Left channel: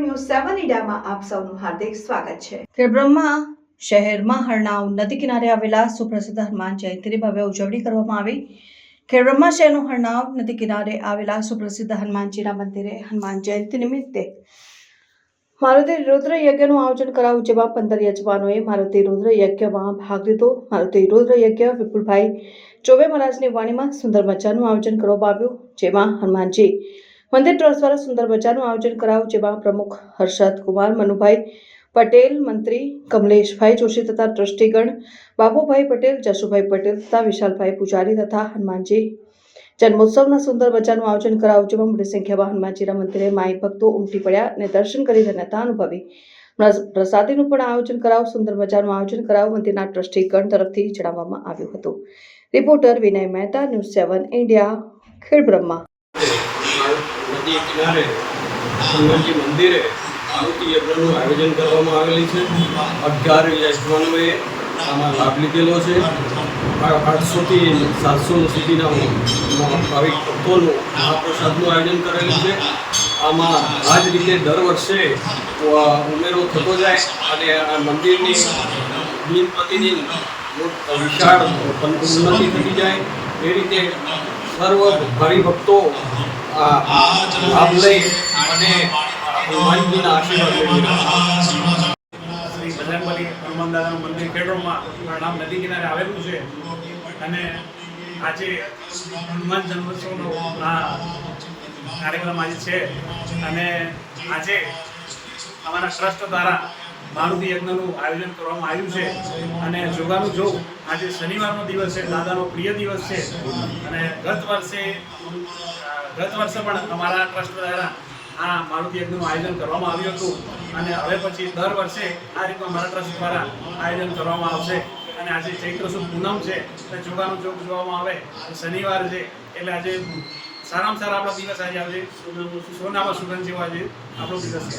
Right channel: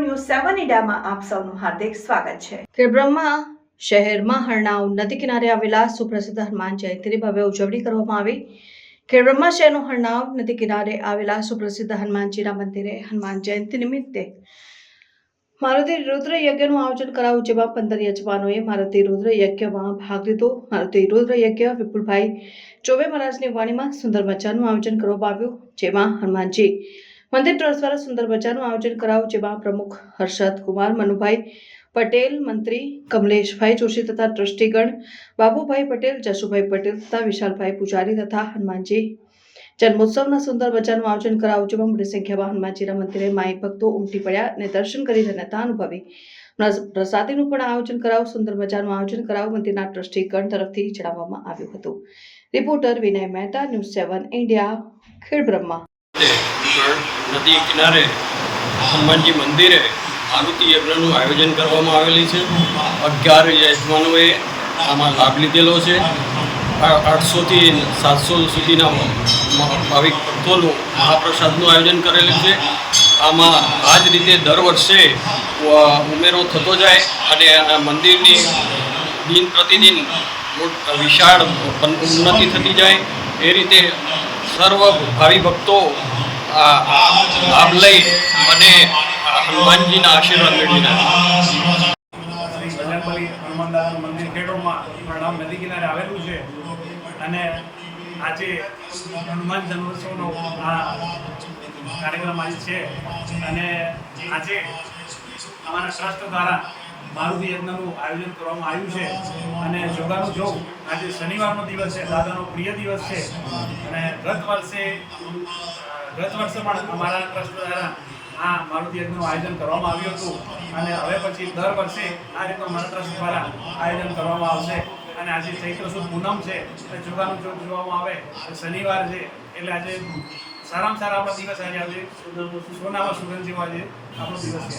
મીડિયામાં આપ સૌનું હાર્દિક સ્વાગત છે. ખેડબ્રહ્મા શહેરમાં હરણાવ નદી કિનારે આવેલા સુપ્રસિદ્ધ હનુમાન જયંતિની ભવ્ય ઉજવણી કરવામાં આવી. ખેડબ્રહ્મા શહેરનું હરણાવ નદી કિનારે આવેલા સુપ્રસિદ્ધ હનુમાનજીના મંદિરે હનુમાન જયંતિ નિમિત્તે મારુતિ રુદ્ર યજ્ઞનું આયોજન કરાવ્યું જેમાં પંદર યજમાનોએ મારુતિ રુદ્ર યજ્ઞમાં ભાગ લીધો. મારુતિ રુદ્ર યજ્ઞ વિપુલભાઈ ચોબે મહારાજની વાણીમાં સુંદર મજાનું આયોજન કરવામાં આવ્યું, જેમાં હનુમાનજી મંદિર ટ્રસ્ટ દ્વારા સુંદર બજારનું આયોજન કરાયું, જેમાં પ્રમુખ હર્ષદ કુમાર, મનુભાઈ પટેલ, મંત્રી કમલેશભાઈ જોશી તથા ટ્રસ્ટીગણ બાબુભાઈ પટેલ જશુભાઈ પટેલ તથા વિશાલભાઈ પૂજારી તથા હનુમાનજી. જન્મોત્સવના સુંદર બજારનું આયોજન કરાવ્યું જેમાં મોટી સંખ્યામાં હનુમાનજીના મંદિરે માઈ ભક્તો ઉમટી પડ્યા અને દર્શન કરી ધન્યતા અનુભવી. પ્રસાદીનું પણ આયોજન કરાયું સુંદર બજારનું આયોજન કરાયું, મંદિરના ટ્રસ્ટીગણ તરફથી જણાવવામાં આવ્યું હતું. Reporter Vinay Mehta, news seven India, Khedbrahma. નદી કિનારે હનુમાનજી મંદિરે આરુતિ યજ્ઞનું આયોજન કરવામાં આવેલી છે. અગિયાર યજમાનોએ આમાં લાભ લીધેલો છે. આઠસોથી સાતસો સુધીના ભાવિક ભક્તોનું મહાપ્રસાદનું આયોજન કરેલું છે. આમાં આ જ રીતે દર વર્ષે ઉમેરો થતો જાય અને મંદિરની દિન પ્રતિદિન વિશાળ ઉન્નતિ થતી જાય. એ રીતે સર્વ ભાવિ ભક્તો લાભ લઈ અને હનુમાનજીના આશીર્વાદ મેળવી રહ્યા શ્રી બજરંગબલી હનુમાન દાદાનું મંદિર ખેડોમાં પ્રણામ નદી કિનારે આવેલું છે અને આજે હનુમાન જન્મોત્સવનો આ કાર્યક્રમ આજે છે. અને આજે અમારા ટ્રસ્ટ દ્વારા મારુતિ યજ્ઞનું આયોજન કરવામાં આવ્યું છે. અને જોગાનું જો આજે શનિવારનો દિવસ છે, દાદાનો પ્રિય દિવસ છે. અને ગત વર્ષે ગત વર્ષે પણ અમારા ટ્રસ્ટ દ્વારા આ મારુતિ યજ્ઞનું આયોજન કરવામાં આવ્યું હતું. અને હવે પછી દર વર્ષે આ રીતનું અમારા ટ્રસ્ટ દ્વારા આયોજન કરવામાં આવશે. અને આજે ચૈત્ર સુદ પૂનમ છે, એટલે જોગાનું જોગ જોવામાં આવે. શનિવાર છે, એટલે આજે સારામાં સારા આપણા દિવસ આજે આજે. સોનામાં સુગંધ જેવા આજે આપણો દિવસ છે.